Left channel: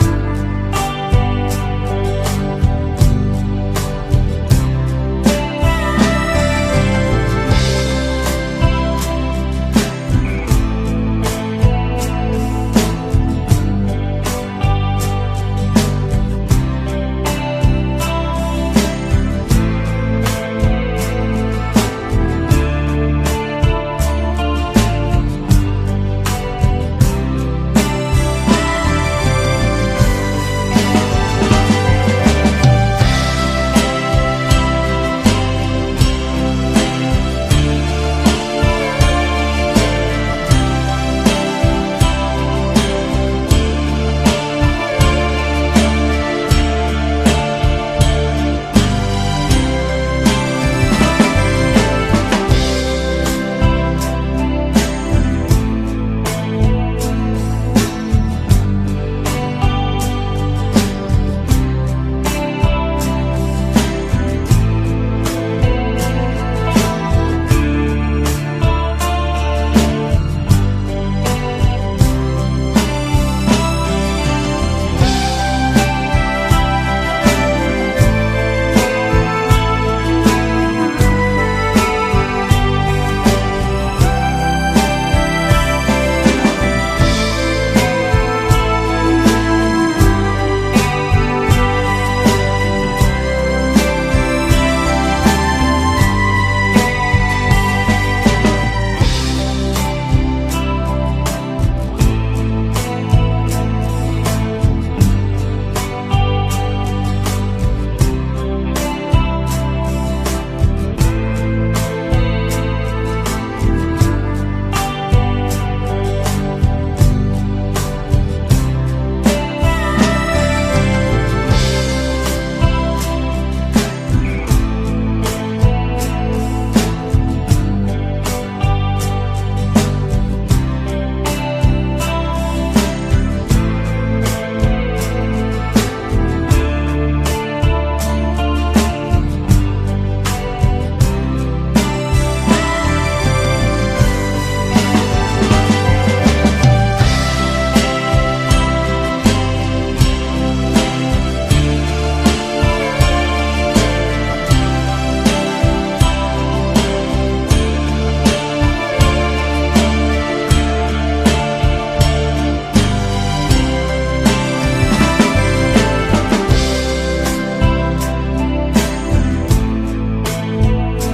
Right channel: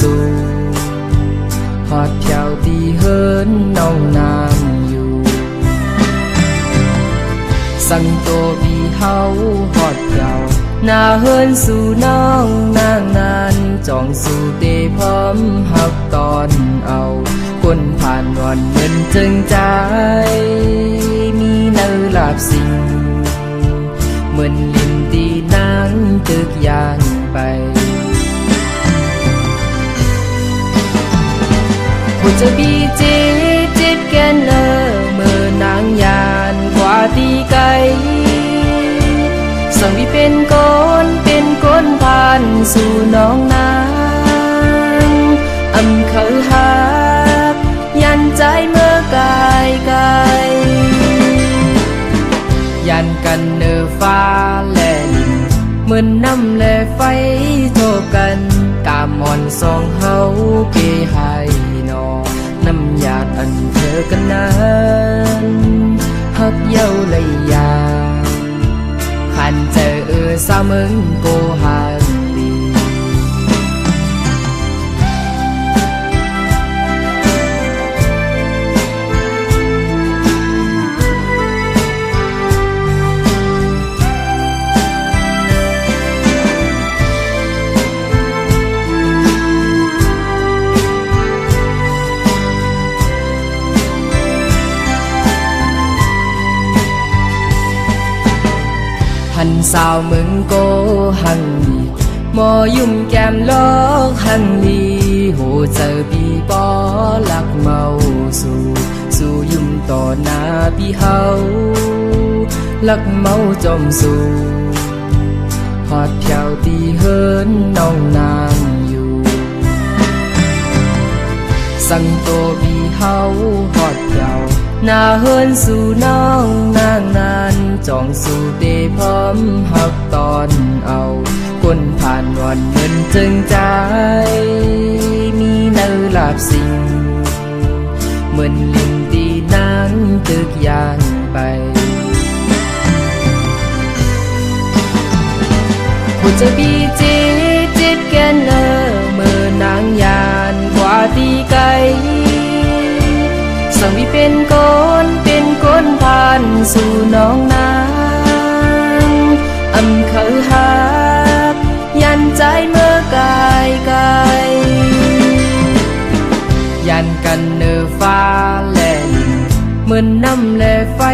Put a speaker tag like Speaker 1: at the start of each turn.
Speaker 1: dù hoa theo đi hơn nồng nàn nhiều rằng cô vì hao hoạt gạo na hơn dù nao máu dòng dù hoa theo đi hơn nong nàng nhiều rằng cô bị hao hoạt kèo na hơn dù mười năm lệ phá